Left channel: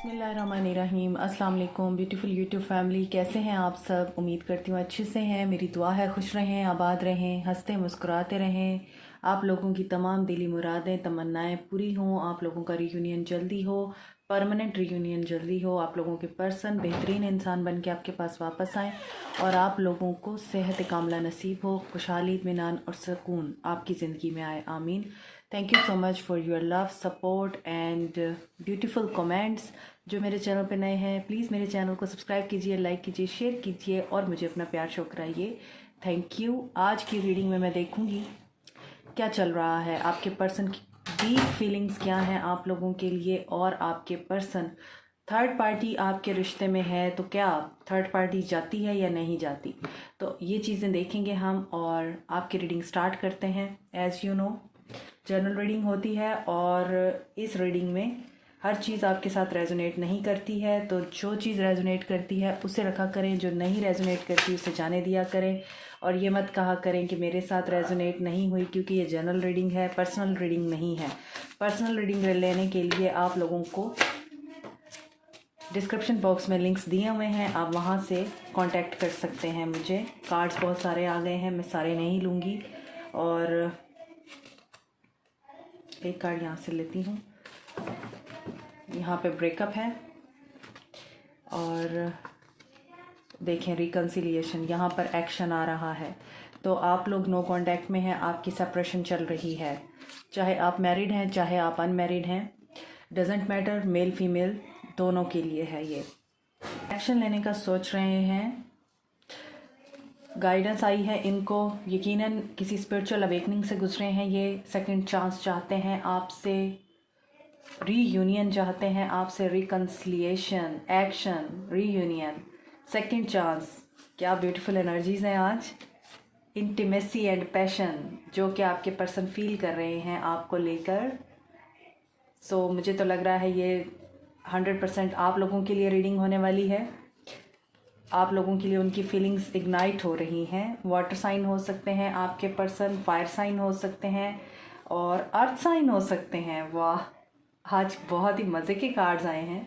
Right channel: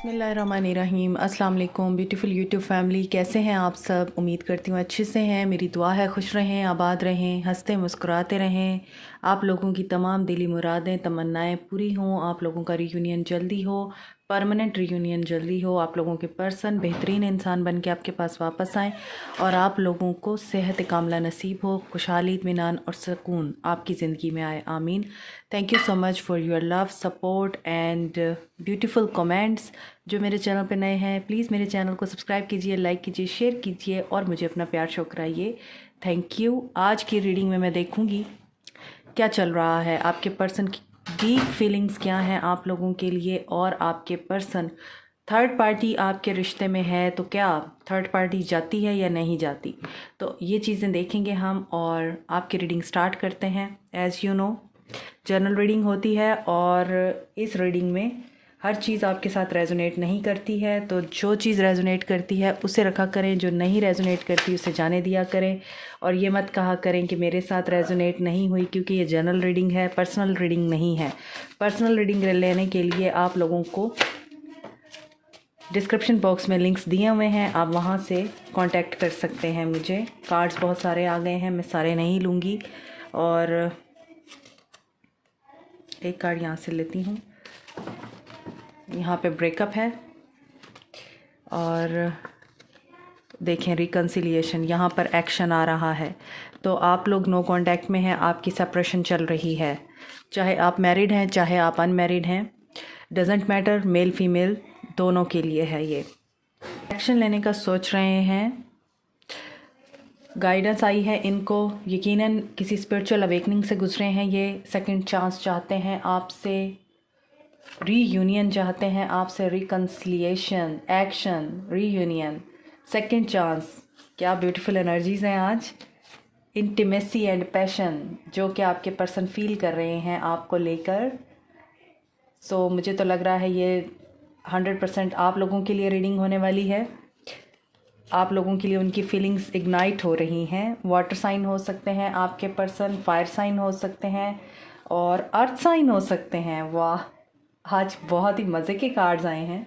बिस्मिल्लाहिर्रहमानिर्रहीम। अस्सलाम वालेकुम ब्यूटीफुल यूट्यूब फैमिली, कैसे हैं आप सब? उम्मीद करती हूँ अच्छे से हैं। मेरी दुआ है खुश रहें, आबाद रहें, हंसते मुस्कुराते रहें। आप लोगों की तमाम दिली मुरादें तमन्नाएं पूरी हों। आप लोगों का रीयूनियन जल्दी हो, परमानेंट रीयूनियन जल्दी हो। आप लोगों के पर्सन बेहतरीन इंसान बन के आपके पास वापस आएँ और आप लोगों को सेहत कामला नसीब हो, खुशहाली इत्मीनान और सुकून आपकी ज़िंदगी में आए। आमीन। Thank you so much for your love, support and beautiful comments. जो मेरे चैनल पे नए हैं प्लीज़ मेरे चैनल को सब्सक्राइब कीजिए, लाइक कीजिए, शेयर कीजिए और मुझे अपना प्यार शो कराइए। Thank you. आज की रीडिंग में मैं देखूंगी क्या चल रहा है, आपके पर्सन की डीप फीलिंग्स क्या हैं आप लोगों के लिए, और आपके पर्सन थर्ड पार्टी आपके रिश्ते में है तो क्या थर्ड पार्टी जाती है या नहीं जाती, तो ये चीज़ें देखेंगे हम। और आपकी रीडिंग स्टार्ट करते हैं। As you know general reading होती है और इस रीडिंग में हर चीज़ आपके साथ रेजोनेट नहीं करती है, तो जो चीज़ रेजोनेट करती है उसे रखा करें, जो नहीं रेजोनेट करती उसे जाने दिया करें। और ये मत कहा करें कि मेरे साथ रेजोनेट नहीं हुई, क्योंकि ये जनरल रीडिंग है, पर्सनल रीडिंग नहीं है। पर्सनल रीडिंग लेने के लिए आप लोगों को डिस्क्रिप्शन बॉक्स में लिंक्स दिए हुए हैं, आप वहाँ से कांटेक्ट कर सकते हैं मुझे। कार्ड्स बहुत सारे आ गए हैं, मैं सारे नहीं लूँगी। और एक कार्ड यहाँ से लेती हूँ। यहाँ पे ब्रेकअप है और देखें रिकन्सिलिएशन, यहाँ पर एक्शन आ रहा है। तो आप लोग नो कांटेक्ट में हैं, आपकी सेपरेशन चल रही है। चाहे आप मैरिड हैं चाहे आप अनमैरिड हैं, डजेंट मैटर, मेल फीमेल दोनों के लिए है। ये एक्शन लेने का सोच रहे हैं, गाइडेंस आई है इनको, यकीनन किसी स्पिरिचुअल अवेकनिंग से गुजरे हैं ये। सेकंड चांस चाहते हैं आपसे, रीयूनियन चाहते हैं आपसे, reconciliation, action, reunion, second chance. क्या ब्यूटीफुल एनर्जीज हैं आज। इंटीमेसी एंड पैशन जो कि आपके पर्सन फील कर रहे हैं आपको लेकर। सो मुझे तो लग रहा है ये 100% आप लोगों के लिए रीडिंग होने वाली है। आप लोगों के लिए उनकी फीलिंग्स इग्नाइट हो रही हैं। वाटर साइन हो सकते हैं आपके पर्सन, फायर साइन हो सकते हैं और अर्थ साइन हो सकते हैं। वाह, आज बहुत ही मज़े के कार्ड्स आए हैं।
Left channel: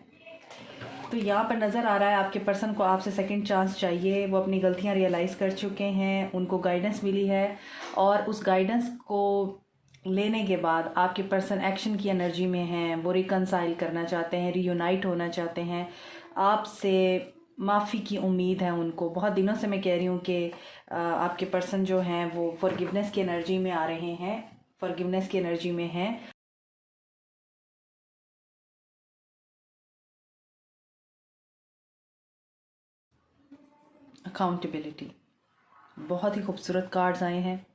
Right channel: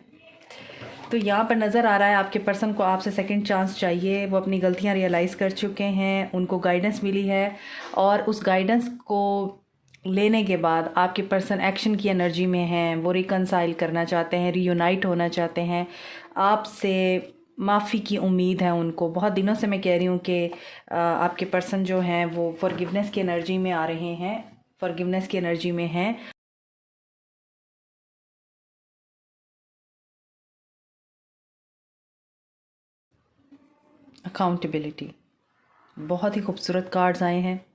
तो यहाँ पर नज़र आ रहा है आपके पर्सन को आपसे सेकंड चांस चाहिए। वो अपनी गलतियाँ रियलाइज़ कर चुके हैं, उनको गाइडेंस मिली है और उस गाइडेंस को लेने के बाद आपके पर्सन एक्शन की एनर्जी में हैं। वो रिकनसाइल करना चाहते हैं, रीयूनाइट होना चाहते हैं आपसे। माफ़ी की उम्मीद है उनको। बहुत दिनों से मैं कह रही हूँ कि आपके पर्सन जो हैं वो फॉरगिवनेस की एनर्जी में आ रहे हैं, फॉरगिवनेस की एनर्जी में हैं। अकाउंटेबिलिटी, बहुत ही खूबसूरत कार्ड्स आए हैं।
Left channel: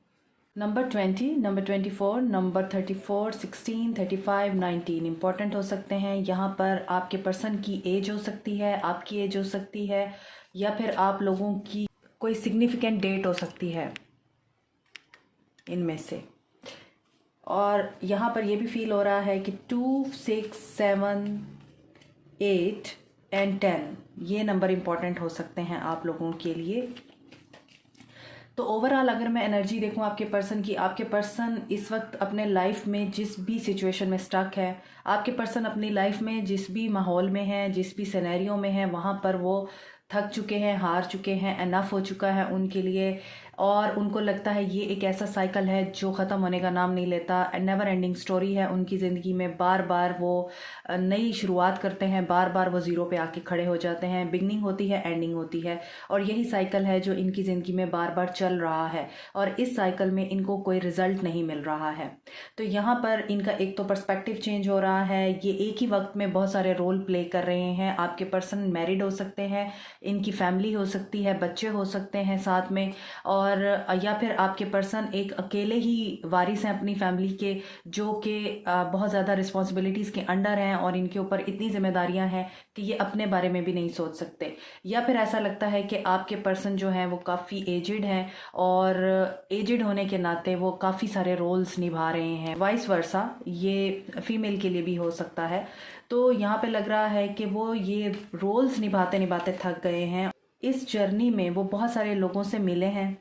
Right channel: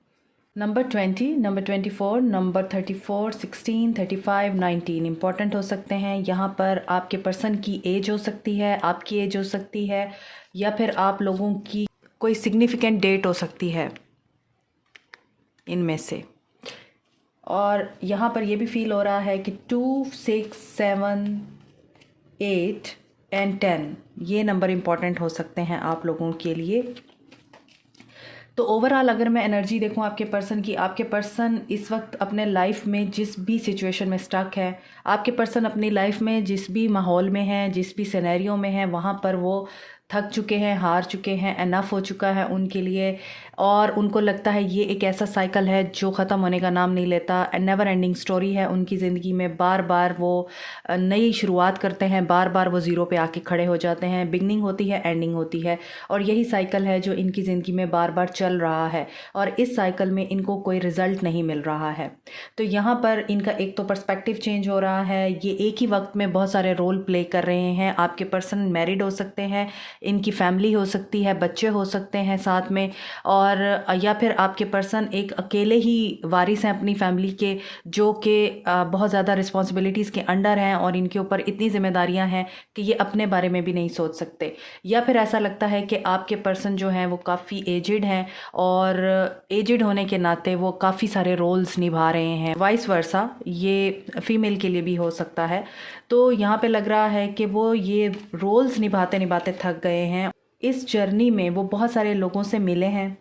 नंबर 20, नंबर 24, नंबर 34, 16, 35, 19 इंपॉर्टेंट हो सकते हैं। यहाँ पर आपके पर्सन की एज हो सकती है, आपकी एज हो सकती है, या फिर आप लोगों की कोई सिग्निफिकेंट डेट हो सकती है इनमें से। और यहाँ पर ये भी फील हो रहा है कि 2, 6, 7, 8 एंड 10 ये नंबर इम्पॉर्टेंट हो सकते हैं आप लोगों के लिए। तो ओवरऑल अगर मैं एनर्जी देखूं आपके पर्सन की, आपके पर्सन इस वक्त अपने लाइफ में जिस भी सिचुएशन में स्टक है, आपके पर्सन अपनी लाइफ में जिस भी माहौल में है, जिस भी सिनेरियो में है, वहाँ पर वो थक चुके हैं, हार चुके हैं, एनफ हो चुका है उनके लिए। और उनको लगता है ये एक ऐसा साइकिल है जो ख़त्म होने का नाम नहीं लेता। नेवर एंडिंग स्टोरी है उनकी ज़िंदगी में। बार बार वो नई शुरुआत करते हैं, बार बार वो ज़ीरो पे आके खड़े हो जाते हैं। बिगनिंग होती है, एंडिंग होती है, और यही साइकिल है जो इनकी ज़िंदगी में बार बार चल रहा है। और इस साइकिल में इनको कोई रिज़ल्ट नहीं मिल रहा है। तो यहाँ पर इनका एक तो पर्सपेक्टिव चेंज हो रहा है। ये एक ही वक्त में बहुत सारे रोल प्ले कर रहे हैं। आपके पर्सन मैरिड हो सकते हैं, इनकी फैमिली हो सकती है, बच्चे हो सकते हैं साथ में, और या फिर आपके पर्सन एक अकेले ही वारिस हैं अपनी फैमिली के, जो कि बहुत ज़्यादा रिस्पॉन्सिबिलिटीज़ के अंडर हैं और इनके ऊपर इतनी जिम्मेदारियां हैं कि ये अपने बारे में भी नहीं सोच सकते। या फिर ऐसा लगता है कि आपके पर्सन जो हैं वो काफ़ी एजिड हैं और एजिड होने के नाते वो काफ़ी सारे रोल्स निभा रहे हैं। वाइस वर्सा ये फीमेल के लिए भी हो सकता है। तो यहाँ पे लग रहा है कि वो ये रोल्स निभाते निभाते थक गए हैं। इस जर्नी में वो बहुत सारे लोगों से मिले हैं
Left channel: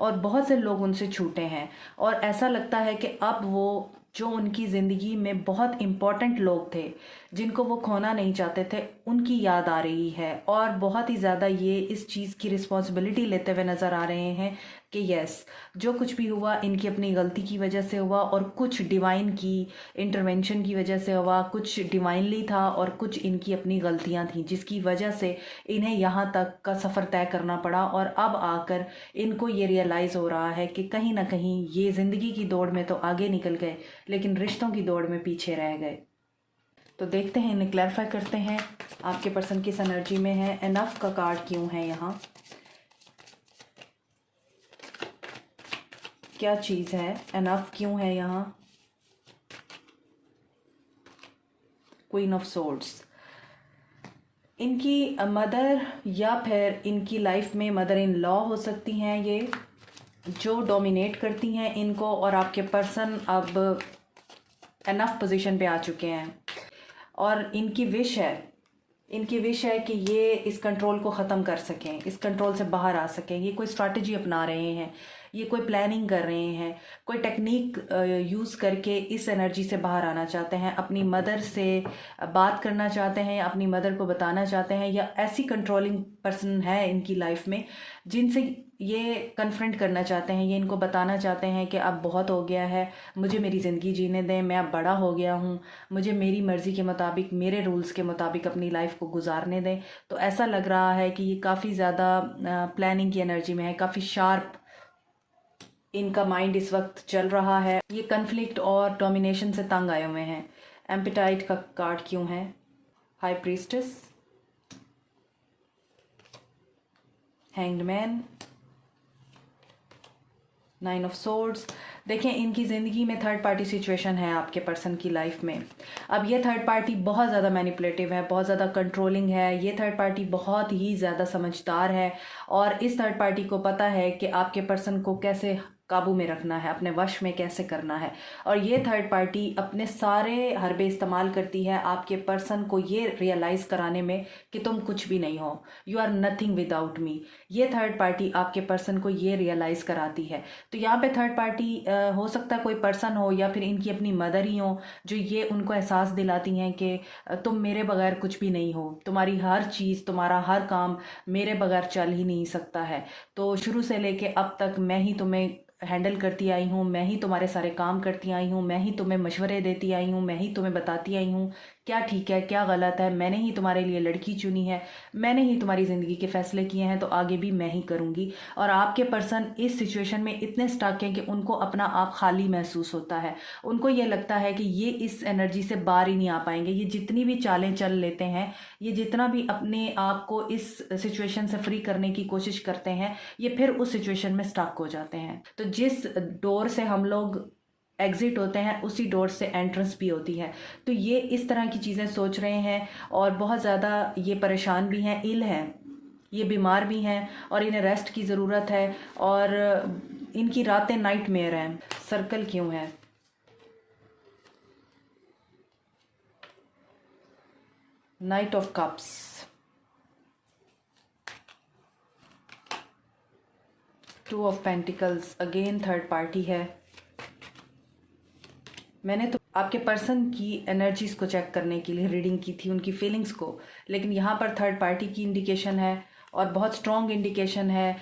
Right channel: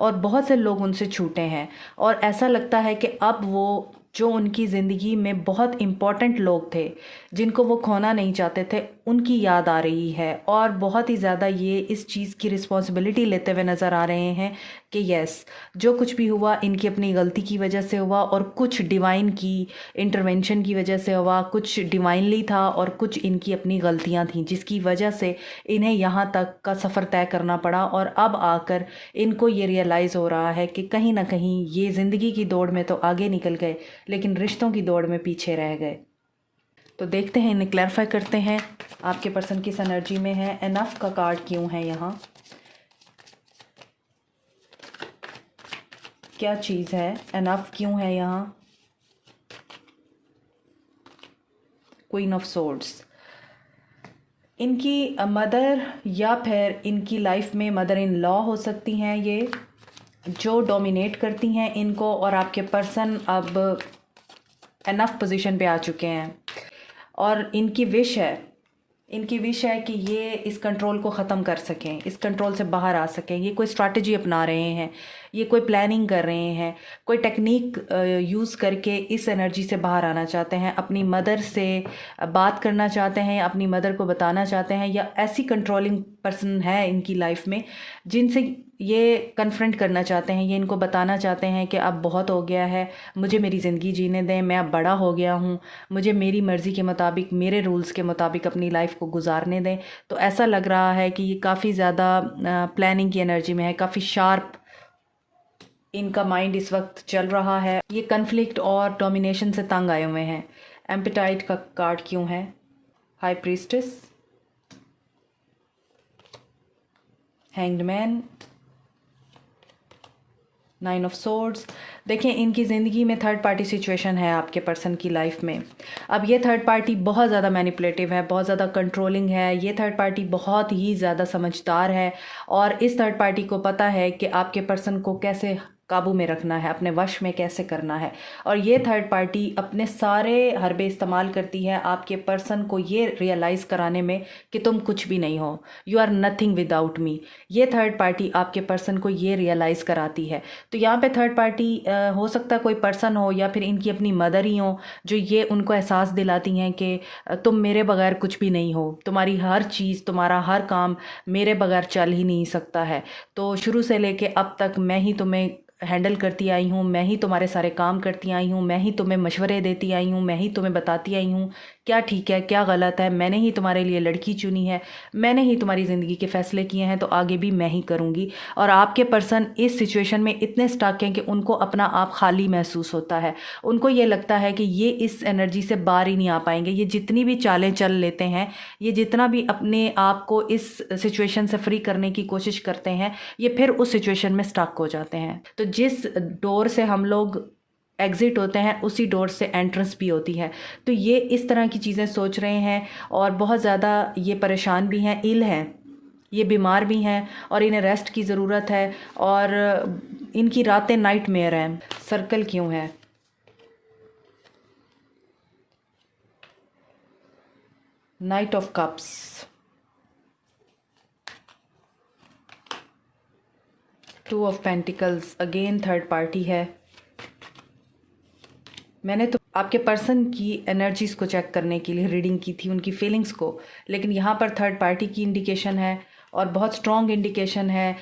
और बहुत से लोग उनसे छूटे हैं, और ऐसा लगता है कि अब वो जो उनकी ज़िंदगी में बहुत इम्पॉर्टेंट लोग थे, जिनको वो खोना नहीं चाहते थे, उनकी याद आ रही है। और बहुत ही ज़्यादा ये इस चीज़ की रिस्पॉन्सिबिलिटी लेते हुए नज़र आ रहे हैं कि यस, जो कुछ भी हुआ इनकी अपनी गलती की वजह से हुआ, और कुछ डिवाइन की इंटरवेंशन की वजह से हुआ, कुछ डिवाइनली था और कुछ इनकी अपनी गलतियां थीं, जिसकी वजह से इन्हें यहाँ तक का सफ़र तय करना पड़ा। और अब आकर इनको ये रियलाइज़ हो रहा है कि कहीं ना कहीं ये ज़िंदगी की दौड़ में तो आगे निकल गए, लेकिन रिश्तों की दौड़ में पीछे रह गए। तो देखते हैं, इन्हें क्लैरिफाई करते हैं आपके पर्सन किस एनर्जी में है। एनफ का कार्ड क्यों है यहाँ, क्या चीज़ है, एनफ क्यों है यहाँ। क्वीन ऑफ सोर्ड्स, इनकी मदर या फिर इनकी लाइफ में मदर इन लॉ हो सकती हैं ये, जो डोमिनेट करती हैं इनको, और आपके पर्सन अब एनफ पोजीशन पे आ चुके हैं। और इनकी विश है कि ये इस कंट्रोल को ख़त्म कर सकें, इस कंट्रोल से बाहर आ सकें। ये कोई स्ट्रैटेजी अपना रहे हैं, ये कोई प्लानिंग कर रहे हैं, कोई टेक्निक यूज़ करके इस एनर्जी से बाहर आना चाहते हैं, अपनी मदर से बात करना चाहते हैं, अपनी मदर को बताना चाहते हैं, या ऐसी कंट्रोलिंग पर्सन है इनकी लाइफ में जिनसे ये कन्फ्रंट करना चाहते हैं। ये इनको बताना चाहते हैं कि अब बहुत हो गया है, मुझे मेरी ज़िंदगी जीने दें, मैं अब बड़ा हो गया हूँ, मुझे मेरी मर्ज़ी के मुताबिक, मेरे रूल्स के मुताबिक अपनी लाइफ को गुजारने दें। तो ऐसा लग रहा है कि ये काफ़ी ज़्यादा प्लानिंग की एनर्जी में है, काफ़ी शार्प इनका माइंड इस वक्त चल रहा है। ये कन्फ्लिक्ट और डोमिनेशन से तंग आए हुए हैं। एम्पेटाइट का कार्ड क्यों है, high priestess, hanged man, nine of swords. देखिए, इनकी ज़िंदगी में थर्ड पार्टी सिचुएशन है आपके पर्सन की लाइफ में। अब ये थर्ड पार्टी बहुत ज़्यादा मैनिपुलेटिव है, बहुत ज़्यादा कंट्रोलिंग है। ये थर्ड पार्टी बहुत ही ज़्यादा समझदार है, और इस थर्ड पार्टी को पता है कि आपके पर्सन को कैसे काबू में रखना है, अपने वश में कैसे करना है। और ये थर्ड पार्टी अपने सारे हरबे इस्तेमाल करती है आपके पर्सन को ये रियलाइज़ कराने में कि तुम कुछ भी नहीं हो, you are nothing without me. ये थर्ड पार्टी आपके पर्सन को ये रियलाइज़ कराती है। तो यहाँ पे थर्ड पार्टी हो सकता है कोई पर्सन हो, या फिर इनकी अपनी मदर ही हो, जो ये उनको एहसास दिलाती हैं कि तुम मेरे बगैर कुछ भी नहीं हो, तुम्हारी हर चीज़, तुम्हारा हर काम मेरे बगैर चल ही नहीं सकता है। तो शुरू से लेके अब तक मैं ही तुम्हें हैंडल करती आई हूँ, मैं ही तुम्हारे सारे काम करती आई हूँ, मैं ही तुम्हें मशवरे देती आई हूँ, मैं ही तुम्हें बताती आई हूँ क्या ठीक है क्या गलत है। मैंने ही तुम्हारे लिए लड़की चुनी है, मैंने ही तुम्हारी ज़िंदगी के फ़ैसले किए हैं, तो आगे भी मैं ही करूँगी। और आपके पर्सन इस सिचुएशन में इतने स्टक हैं कि उनको अपना आप खाली महसूस होता है। उनको ये लगता है कि ये इस एनर्जी से बाहर ही नहीं आ पाएंगे। ये जितनी भी चालें चल लेते हैं, ये जितना भी अपने आप को इस सिचुएशन से फ्री करने की कोशिश करते हैं, ये फिर उस सिचुएशन में स्टक हो जाते हैं। तो जिस डोर से हम लोग एग्ज़िट होते हैं, उसी डोर से एंट्रेंस भी होती है। तो ये इस तरह की चीज़ें सोच रहे हैं, और बहुत ज़्यादा ये परेशान भी हैं, इल हैं, ये बीमार भी हैं, और इन्हें रेस्ट की ज़रूरत है, और इनकी रातें नाइट मेयर हैं। सर्कल क्यों है, night of cups, two of pentacles, again third party है। मैंने तो आपके पर्सन की एनर्जीज़ को चेक करने के लिए रीडिंग की थी, उनकी फीलिंग्स को, लेकिन यहाँ पर थर्ड पार्टी की इंडिकेशन है, और बहुत स्ट्रॉन्ग इंडिकेशन है।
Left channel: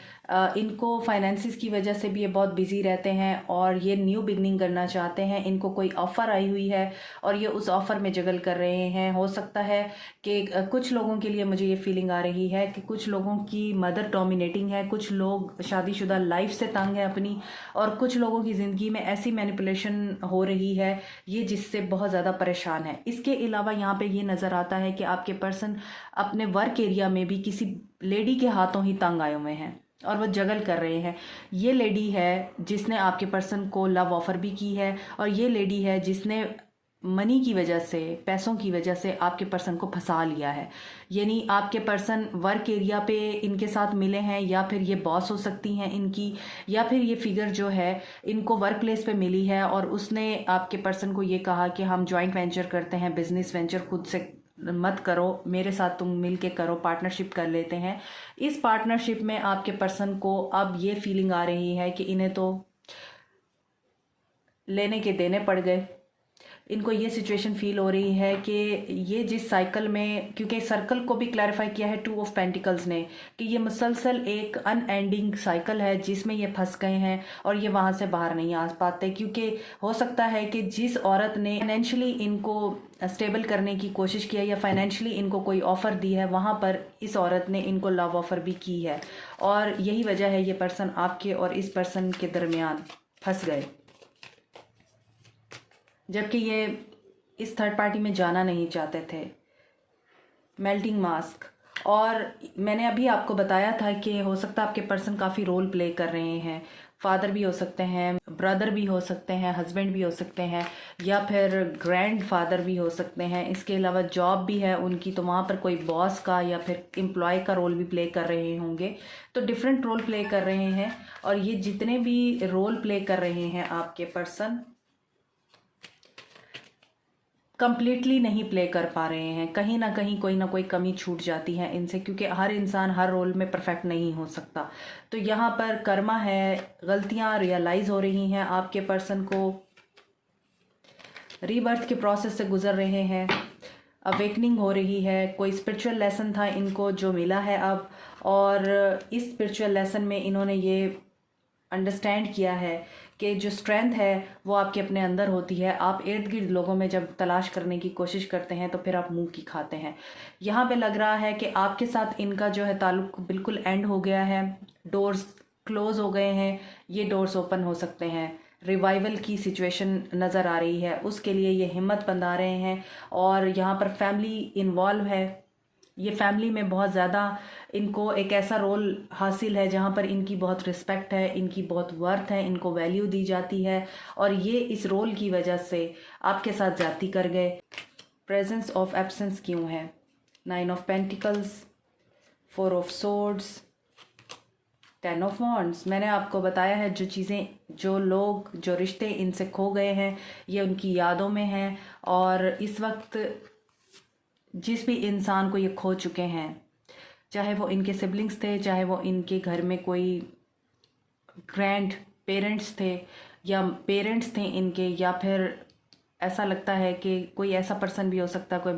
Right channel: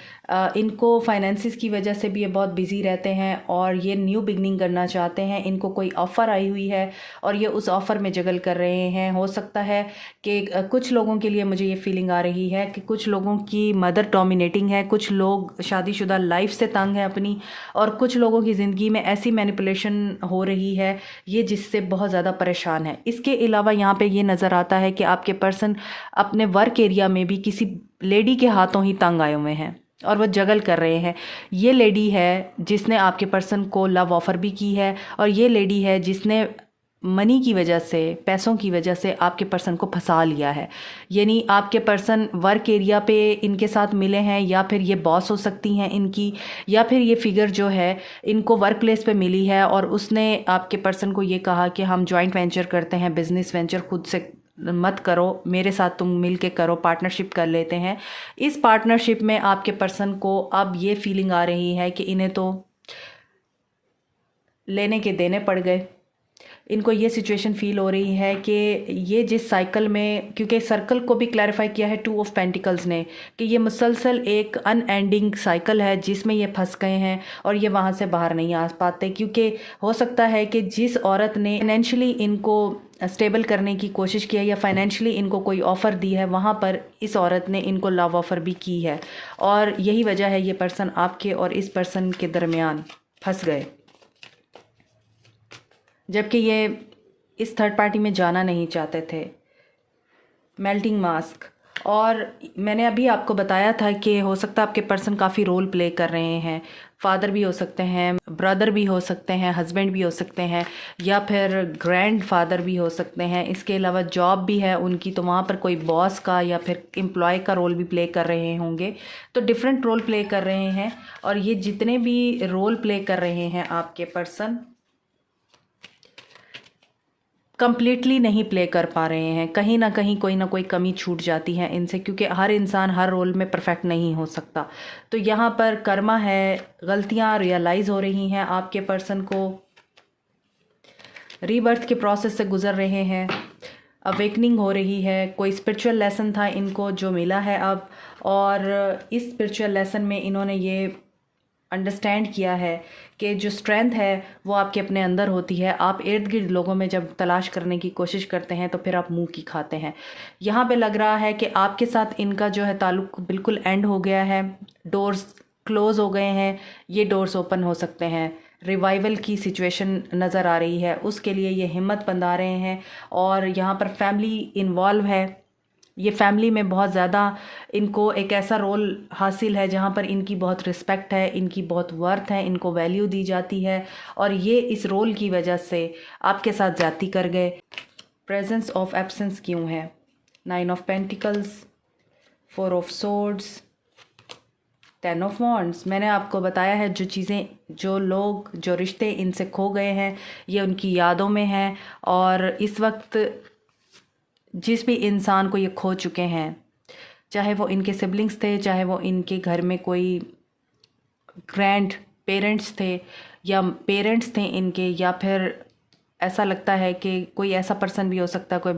इनको फाइनेंसिस की वजह से भी ये बहुत बिजी रहते हैं, और ये न्यू बिगनिंग करना चाहते हैं। इनको कोई ऑफ़र आई हुई है, और ये उस ऑफ़र में जगल कर रहे हैं। हो सकता है कि कुछ लोगों के लिए मुझे ये फीलिंग आ रही है कि कुछ लोगों की मदर डोमिनेटिंग है, कुछ लोग शादीशुदा लाइफ से तंग है अपनी, और कुछ लोगों की ज़िंदगी में ऐसी मैनिपुलेशन हो रही है ये जिससे बहुत ज़्यादा परेशान है। इसके अलावा यहाँ पे ये नज़र आता है कि आपके पर्सन अपने वर्क एरिया में भी किसी लेडी के हाथों ही तंग आए हुए हैं, और वो जगल कर रहे हैं। ये लेडी है जिसने आपके पर्सन को लव ऑफ़र भी की है, और ये लेडी है जिसने मनी की वजह से, पैसों की वजह से आपके पर्सन को फंसा लिया है। यानी आपके पर्सन वर्क एरिया पे इनके साथ मिले हैं, या फिर ये बॉस हो सकती हैं इनकी, या फिर ये फिगर जो है इनको वर्क प्लेस पे मिली है, और उसने आपके पर्सन को ये कहा कि हम जॉइंट वेंचर करते हैं, बिजनेस वेंचर खुद से मत करो, मेरे साथ तुम मिल के करो, पार्टनरशिप कर लेते हैं। इस पार्टनरशिप में आपके पर्सन को अब ये फीलिंग आ रही है कि इन्हें तो लेने के देने पड़ गए, इनको ये सिचुएशन फील हो रही है कि ये जिस साइकिल में, क्योंकि सर्कल को भी क्लैरिफाई किया है 2 ऑफ पेंटिकल्स ने, कि ये मुसलसल एक अनएंडिंग साइकिल है जिसमें ये फंस गए हैं और ये वहाँ से बाहर नहीं आ पाते। क्योंकि हो सकता है कि जिस औरत ने फाइनेंशियली इनको स्टेबल करने की कोशिश की है या फाइनेंशियली इनको कोई ऑफ़र दी है, वहाँ पर इस औरत ने इनको लव ऑफ़र भी की है, और यही वजह है ये पर्सन आपके और इस पर्सन के दरमियान फंस गए, जबकि ये इस थर्ड पार्टी में जाना नहीं चाहते थे। मेल्टिंग मास्क, और मैंने अभी आपको बताया था कि हो सकता है आपके पर्सन काफ़ी रोल प्ले कर रहे हैं। फादर भी हो सकते हैं, ब्रदर भी हो सकते हैं, हस्बैंड भी हो सकते हैं, या फिर ग्रैंड फादर भी हो सकते हैं। इसके अलावा जॉब भी है उनकी, तो वहाँ पर कोई बॉस का या फिर एम्प्लॉय का रोल भी प्ले कर रहे होंगे। तो डिफरेंट रोल प्ले कर रहे हैं, और ये जितने भी रोल प्ले कर रहे हैं आपके पर्सन कंप्लीटली नहीं प्ले कर पा रहे हैं। कहीं ना कहीं कोई ना कोई कमी छूट जाती है इनसे, क्योंकि हर इंसान हर रोल में परफेक्ट नहीं हो सकता। तो यहाँ पर कर्मा है, गलतियाँ रियलाइज़ हो रही हैं आपके पर्सन को, रीबर्थ के प्रोसेस से गुजर रहे हैं, अवेकनिंग हो रही है। कोई स्पिरिचुअल लेसन था इनको जो मिला है अब, और इस स्पिरिचुअल लेसन में इन्होंने ये अंडरस्टैंड किया है कि जो स्ट्रेंथ है वो आपके अपने अंदर होती है। आप इर्द गिर्द लोगों में जब तलाश करने की कोशिश करते हैं तो फिर आप मुंह की खाते हैं। यहाँ पे लग रहा है कि आपके साथ इनका जो है ताल्लुक बिल्कुल एंड हो गया है, डोर्स क्लोज हो गए हैं, ये डोर्स ओपन हो सकते हैं। रिवाइवल की सिचुएशन नज़र आ रही है, उसके लिए ये हिम्मत बंधा रहे हैं। और यहाँ पर फैमिली इन्वॉल्व है, ये फैमिली में बहुत ज़्यादा इनको एक ऐसा रोल हासिल है जहाँ पर इनकी बहुत रिस्पेक्ट है, इनकी बहुत वर्थ है, इनको वैल्यू दी जाती है, और ये इस रोल की वजह से आपके साथ ज़्यादती कर गए। प्रेजेंस ऑफ एब्सेंस क्यों है? 9 of pentacles, 4 of swords, 10 of wands. मैंने आपको बताया है जो चीज़ें, जो लोग, जो रिश्ते इनसे खो गए हैं, ये उनकी यादों में हैं, और इस वक्त जिस भी इंसान को ये खो चुके हैं, चाहे वो इनके सिबलिंग्स थे, चाहे वो इनके घर में कोई ग्रैंड पेरेंट्स थे या पेरेंट्स थे इनके, या फिर ऐसा लगता है कि कोई ऐसा पर्सन भी हो सकता है, कोई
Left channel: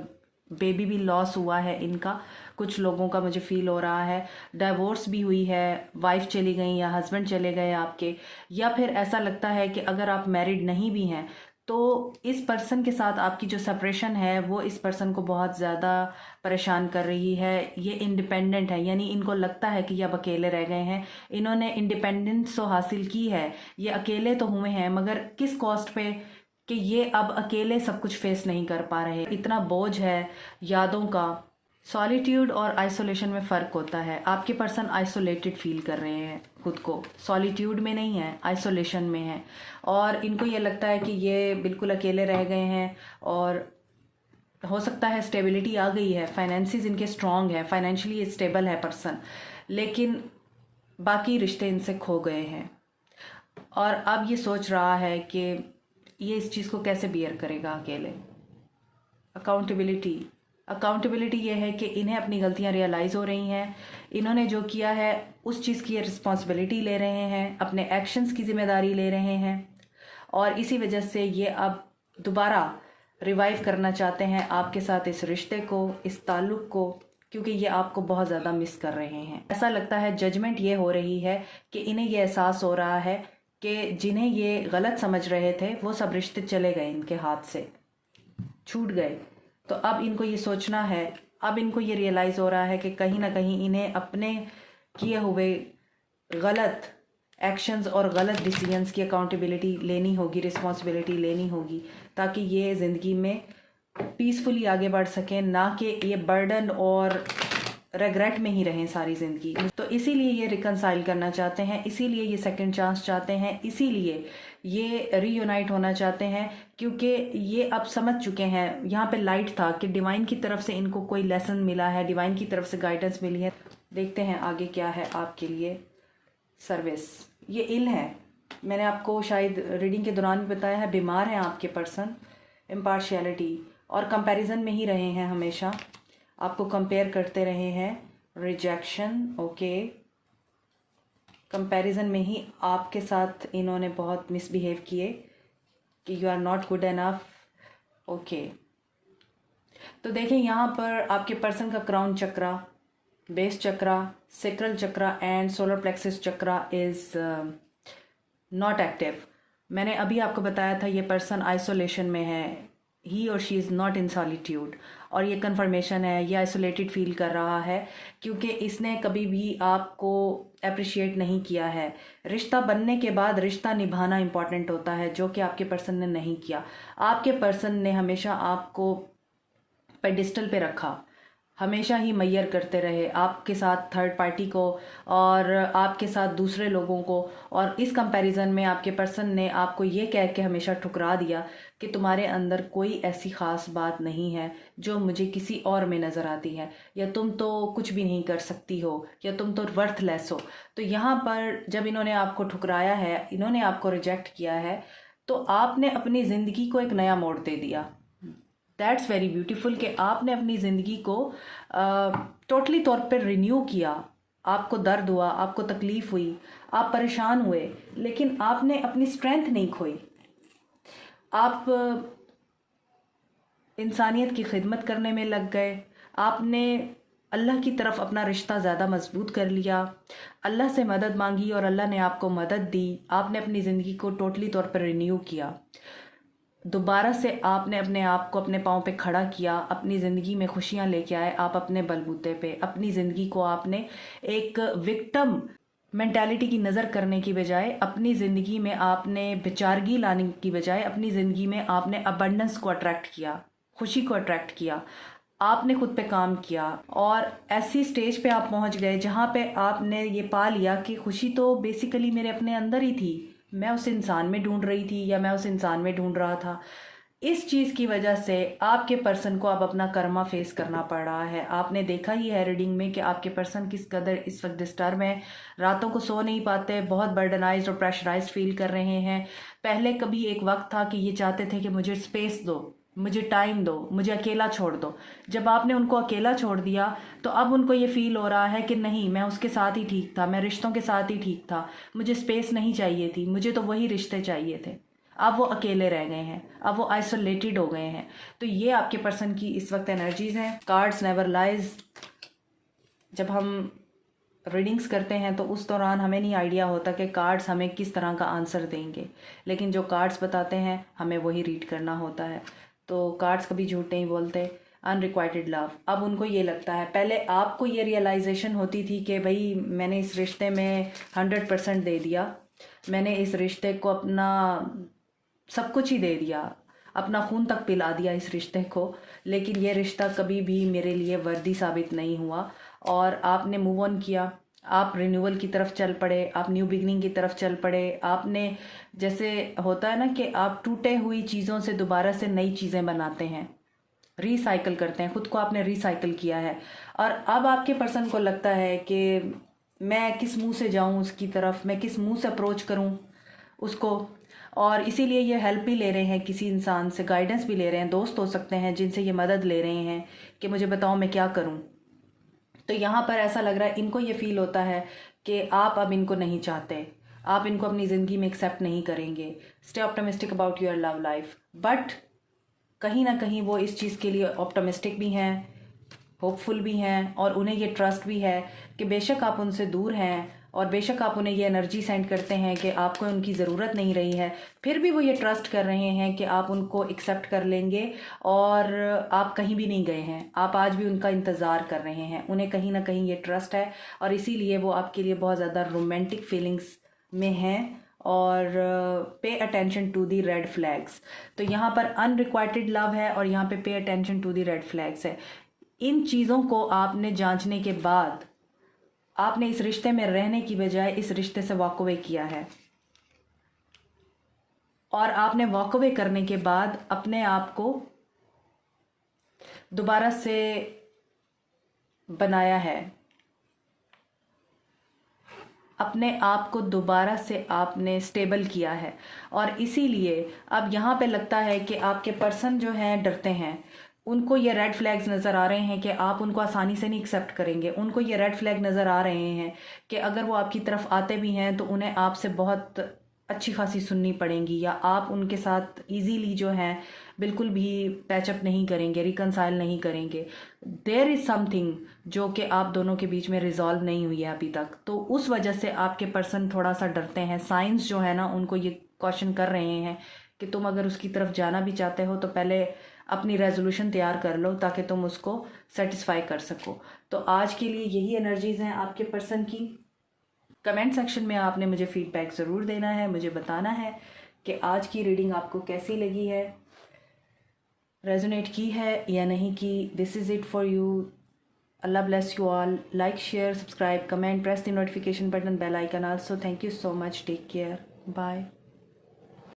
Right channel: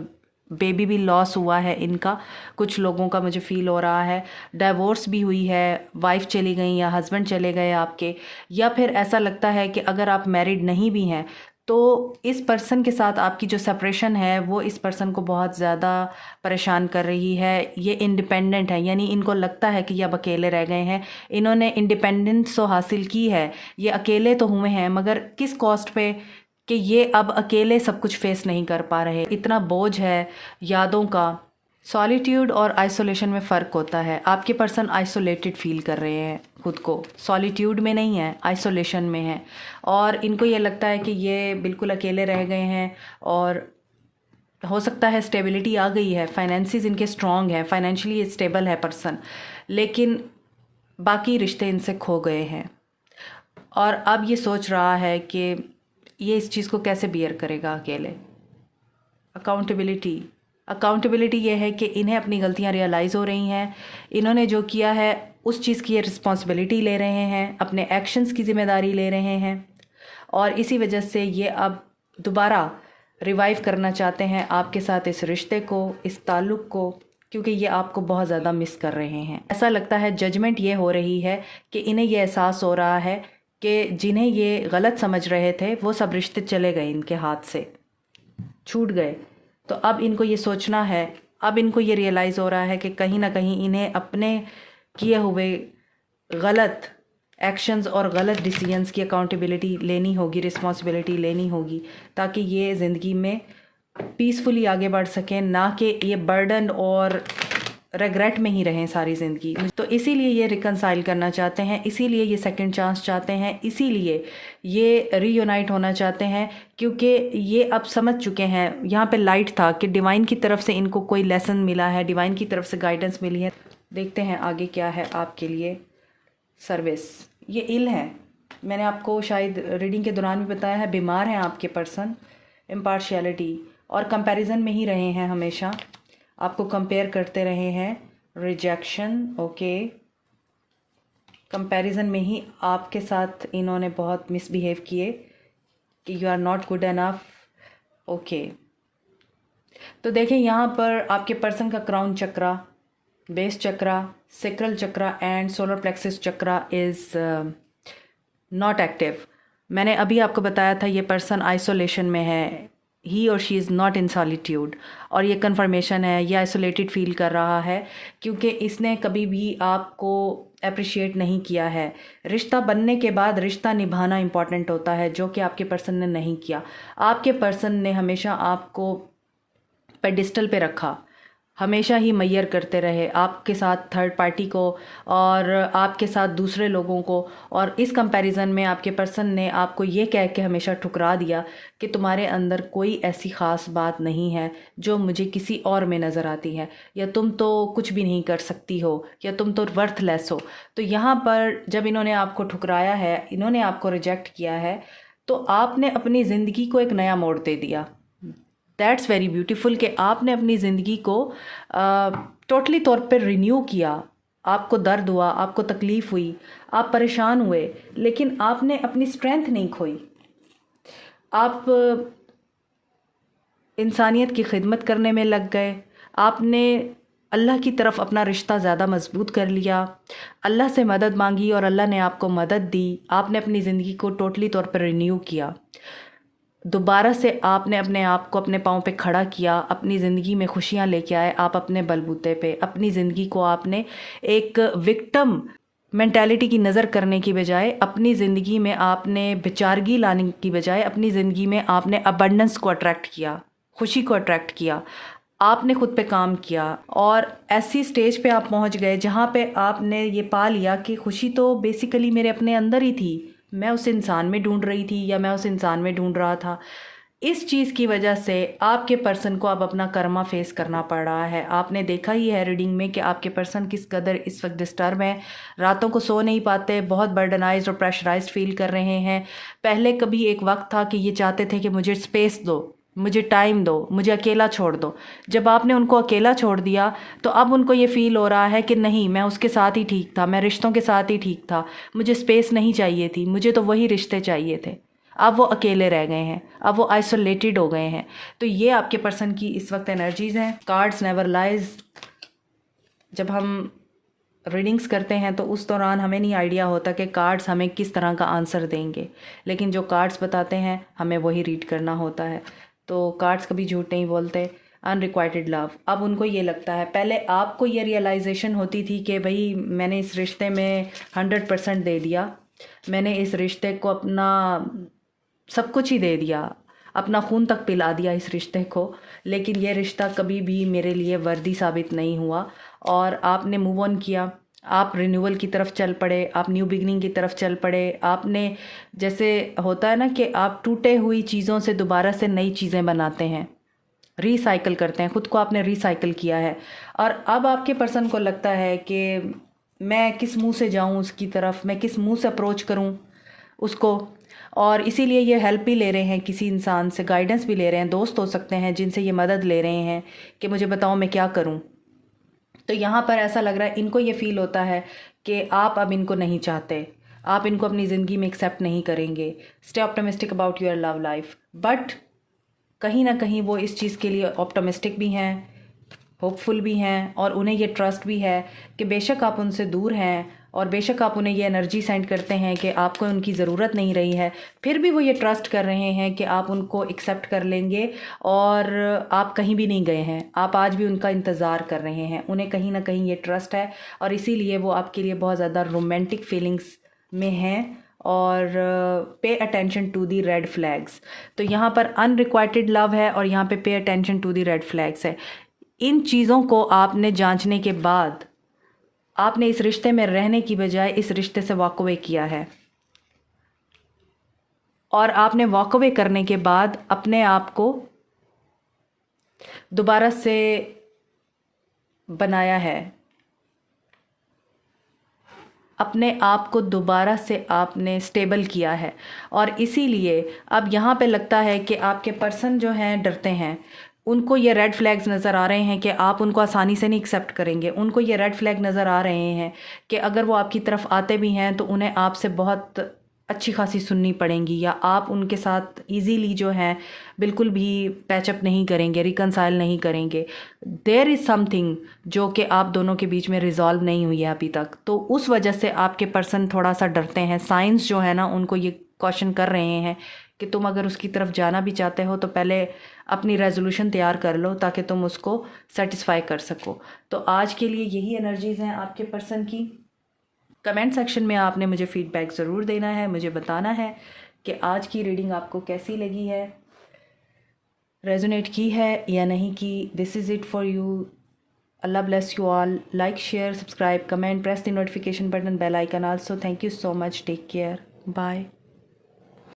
बेबी भी लॉस हुआ है इनका, कुछ लोगों का मुझे फील हो रहा है। डाइवोर्स भी हुई है, वाइफ चली गई या हस्बैंड चले गए आपके, या फिर ऐसा लगता है कि अगर आप मैरिड नहीं भी हैं तो इस पर्सन के साथ आपकी जो सेपरेशन है वो इस पर्सन को बहुत ज़्यादा परेशान कर रही है। ये इंडिपेंडेंट है, यानी इनको लगता है कि ये अब अकेले रह गए हैं। इन्होंने इंडिपेंडेंस तो हासिल की है, ये अकेले तो हुए हैं, मगर किस कॉस्ट पे, कि ये अब अकेले सब कुछ फेस नहीं कर पा रहे। इतना बोझ है यादों का। सॉलिट्यूड और आइसोलेशन में फ़र्क होता है। आपके पर्सन आइसोलेटेड फील कर रहे हैं खुद को, सॉलिट्यूड में नहीं है, आइसोलेशन में है, और इनको ये लगता है कि ये बिल्कुल अकेले रह गए हैं। और हो सकता है स्टेबिलिटी आ गई है, फाइनेंसिस इनके स्ट्रॉन्ग है, फाइनेंशियली स्टेबल है पर्सन, लेकिन बाकी रिश्ते इनसे खो गए हैं। और अब ये सोच रहा है कि ये इस चीज़ को कैसे बियर करेगा अकेले। अकाउंटेबिलिटी ये है कि इन्हें अपनी गलतियां रियलाइज़ हो रही हैं, इन्होंने जो किया है उस चीज़ की ये रिस्पॉन्सिबिलिटी ले रहे हैं, अपने एक्शंस की ज़िम्मेदारी ले रहे हैं, और इसी वजह से ये अब दोबारा रिवाइव करना चाहते हैं आपके साथ इस रिश्ते को, इस ताल्लुक़ को, क्योंकि ये आपको बहुत ज़्यादा मिस कर रहे हैं। ऐसा लगता है जजमेंट ये हो रही है कि इन्हें ये एहसास हो रहा है कि जिन्हें ये गलत समझ रहे थे वो सब रिश्ते चले गए, इनके हाथ से छूट गए। तो अब इनको ये सोचना है, अब इनको ये रियलाइज़ हो रहा है कि कहीं ना कहीं इन्हें अपने किए हुए गलत एक्शंस और गलत डिसीजंस की अकाउंटेबिलिटी लेनी होगी, रिस्पॉन्सिबिलिटी लेनी होगी, ताकि ये ज़िंदगी में पीसफुली आगे बढ़ सकें, ना कि ये बर्डन और रेग्रेट में ही रहें सारी ज़िंदगी। तो इसीलिए ये रिकंसाइल करना चाहते हैं, इसीलिए ये सेकंड चांस चाहते हैं, इसीलिए ये रीयूनाइट होना चाहते हैं, क्योंकि ये अब समझ चुके हैं। यहाँ पे लाइट था कि डिवाइन की तरफ से इनको कोई लेसन मिला है, डिवाइन की तरफ से गाइडेंस मिली है। देखते हैं आगे क्या है आपके लिए सर्विस। ये इल है, मैंने आपको शायद रीडिंग के दौरान भी बताया है, बीमार हैं आपके पर्सन, इम्पार्शियलिटी और कंपैरिजन में ही रहे हैं, हमेशा आपको कंपेयर करते रहे हैं, रिजेक्शन, ओके, कंपैरिजन में ही आपके साथ इन्होंने बहुत मिसबिहेव किए कि you are not good enough, okay, तो देखें यहाँ पर आपके पर्सन का crown chakra, base chakra, sacral chakra and solar plexus chakra is not active. मैंने अभी आपको बताया था ये पर्सन आइसोलेशन में है, ही और she is not in solitude, और ये कन्फर्मेशन है, ये आइसोलेटेड फील कर रहा है क्योंकि इसने कभी भी आपको अप्रिशिएट नहीं किया है। रिश्ता बनने के बाद रिश्ता निभाना इम्पॉर्टेंट होता है, जो कि आपके पर्सन ने नहीं किया। आपके पर्सन ने हमेशा आपको पेडिस्टल पे रखा, हमेशा ही मैयर करते रहे आपके साथ थर्ड पार्टी को और आपके साथ दूसरे लोगों को, और इस कंपैरिजन में आपके पर्सन ने आपको ये कह के हमेशा ठुकरा दिया कि तुम्हारे अंदर कोई ऐसी ख़ास बात नहीं है जो मुझे किसी और में नज़र आती है, या तुम तो कुछ भी नहीं कर सकती हो, या तुम तो वर्थलेस हो। तो यहाँ पर जब इन्होंने आपको ठुकराया है, इन्होंने आपको रिजेक्ट किया है, तो आपने अपनी ज़िंदगी को एक नया मोड़ दे दिया। दैट्स वेरी ब्यूटीफुल कि आपने अपनी ज़िंदगी को टोटली तौर पर रिन्यू किया। आपको दर्द हुआ, आपको तकलीफ़ हुई, आप परेशान हुए, लेकिन आपने अपनी स्ट्रेंथ नहीं खोई। आप इंसानियत की खिदमत करने में लग गए। आपने अल्लाह की तरफ अपना रिश्ता ज़्यादा मजबूत कर लिया, अल्लाह से मदद मांगी और अल्लाह ने आपको मदद दी। आपने अपनी ज़िंदगी को टोटली तौर पर रिन्यू किया। दोबारा से आपने अपने आप को अपने पाँव पे खड़ा किया, अपनी ज़िंदगी में खुशियाँ लेके आए आप अपने बलबूते पे। अपनी ज़िंदगी को आपने एक विक्टिम मेंटालिटी की नज़र करने की बजाय, अपनी ज़िंदगी में आपने बेचारगी लाने की बजाय, अपनी ज़िंदगी में आपने अबंडेंस को अट्रैक्ट किया, खुशी को अट्रैक्ट किया। आपने खुद पे काम किया और ऐसी स्टेज पे आप पहुंच गए जहाँ पे आपने ये पा लिया कि खुशी तो बेसिकली मेरे अपने अंदर ही थी, मैं उस इंसान में ढूंढ रही थी या मैं उस इंसान में ढूंढ रहा था। इस चीज़ की वजह से आपके पर्सन को अब अपना कर्मा फेस करना पड़ रहा है। आपने देखा ही है रीडिंग में कि आपके पर्सन किस कदर इस वक्त डिस्टर्ब है, रातों को सो नहीं पाते, बहुत बर्डनाइज्ड और प्रेशराइज्ड फील कर रहे हैं। पहले कभी एक वक्त था कि ये चाहते थे कि मुझे स्पेस दो, मुझे टाइम दो, मुझे अकेला छोड़ दो। जब आपने उनको अकेला छोड़ दिया तो अब उनको ये फ़ील हो रहा है कि नहीं, मैं उसके साथ ही ठीक था, मैं रिश्तों के साथ ही ठीक था, मुझे स्पेस नहीं चाहिए थी, मुझे तो वही रिश्ते चाहिए थे। अब वो अकेले रह गए हैं, अब वो आइसोलेटेड हो गए हैं। तो ये आपके पर्सन की इस वक्त एनर्जीज़ हैं। Cards never lies. जब हम रीडिंग्स करते हैं तो उस दौरान हमें नहीं आइडिया होता कि कार्ड्स हमें किस तरह का आंसर देंगे, लेकिन जो कार्ड्स बताते हैं हमें वही रीड करना होता है। तो कार्ड्स कभी झूठ नहीं बोलते। अनरिक्वाइटेड लव, अब उनको ये लगता है, पहले आपको ये रियलाइजेशन होती थी कि भाई मैंने इस रिश्ते में 100% दे दिया, मैंने इस रिश्ते को अपना सब कुछ ही दे दिया, अपना खून तक पिला दिया इस रिश्ते को, लेकिन ये रिश्ता कभी भी मेरे लिए वर्दी साबित नहीं हुआ। और आपने मूव ऑन किया, आप रिन्यूअल की तरफ चल पड़े, आप न्यू बिगनिंग की तरफ चल पड़े। आपने, जैसे होता है ना कि आप टूटे हुई चीज़ों से दोबारा से नई चीज़ें बनाते हैं, रिसाइकिल करते हैं, खुद को आपने रिसाइकिल किया है। और अब आपके पर्सन को लगता है कि मैं किस मुंह से जाऊं उसकी तरफ, मैं किस मुंह से अप्रोच करूं उसको, और इसीलिए ये हेल्प भी ले रहे हैं, किसी इंसान से गाइडेंस भी ले रहे हैं। दोस्त हो सकते हैं जिनसे ये मदद ले रहे हैं कि मुझे बताओ मैं क्या करूं। तो यहाँ पर ऐसा लग रहा है, इनको ये फील होता है कि आप अब इनको नहीं चाहते, आप इनको अपनी ज़िंदगी में एक्सेप्ट नहीं करेंगे। Stay optimistic about your love life. But कहीं ना कहीं वो इस चीज़ के लिए ऑप्टिमिस्टिक भी हैं, होपफुल भी हैं, और उन्हें ये ट्रस्ट भी है कि बेशक आप उनसे दूर हैं और बेशक आप उन्हें ये एनर्जी सेंड करते हैं कि आपको उनकी ज़रूरत नहीं रही है, फिर भी वो ये ट्रस्ट कर रहे हैं कि आप उनको एक्सेप्ट कर लेंगे और आप कहीं भी नहीं गए हैं, आप आज भी उनका इंतज़ार कर रहे हैं। उन्हें कहीं ना कहीं ये ट्रस्ट है और इसीलिए वो आपके लिए बहुत ज़्यादा रोमांटिक फीलिंग्स में हैं। और pay attention to the red flags. तो यहाँ पर अनरिक्वाइटेड लव है और यहाँ pay attention to the red flags है। इन चीज़ों को आपने जांचने के बाद आपने इस रिश्ते में रहने की बजाय इस रिश्ते से वॉक अवे किया है, और आपने वॉक अवे करने के बाद अपने आप को दोबारा से बनाया है, अपने आप को दोबारा से आपने स्टेबल किया है। और इसीलिए अब यहाँ पे लगता है कि आपके पर्सन जो हैं डरते हैं, उनको ये रेड फ्लैग्स नज़र आ रहे हैं कि आप उनको आसानी से नहीं एक्सेप्ट करेंगे। उनको ये रेड फ्लैग नज़र आ रहे हैं कि अगर वो आपकी तरफ आते भी हैं तो उन्हें आपसे बहुत अच्छी खासी सुननी पड़ेंगी, या आप उनके साथ इजीली जो है बिल्कुल भी पैचअप नहीं करेंगे, रिकनसाइल नहीं करेंगे। देयर इज़ समथिंग जो कि आप दोनों के बीच में रिजॉल्व नहीं हुई है अभी तक, तो उस वजह से आपके पर्सन थोड़ा सा डरते हैं। साइंस जो है ना उनको ये क्वेश्चन कर रहे हैं कि तुम अगर उसकी तरफ जाना भी चाहते हो तो पहले अपनी रेजोल्यूशन तैयार कर लो ताकि तुम उसको सेटिस्फाई कर सको। तो आज के लिए यही एनर्जीज़ हैं आपके पर्सन की। कमेंट सेक्शन में आपने मुझे फीडबैक ज़रूर देना है, मुझे बताना है कि आज की रीडिंग आपको कैसी लगी है, रेजोनेट की है या नहीं की। This is it for you. Allah bless you all. Like, share, subscribe, comment, press the notification button, bell icon also. Thank you so much. Take care. Bye.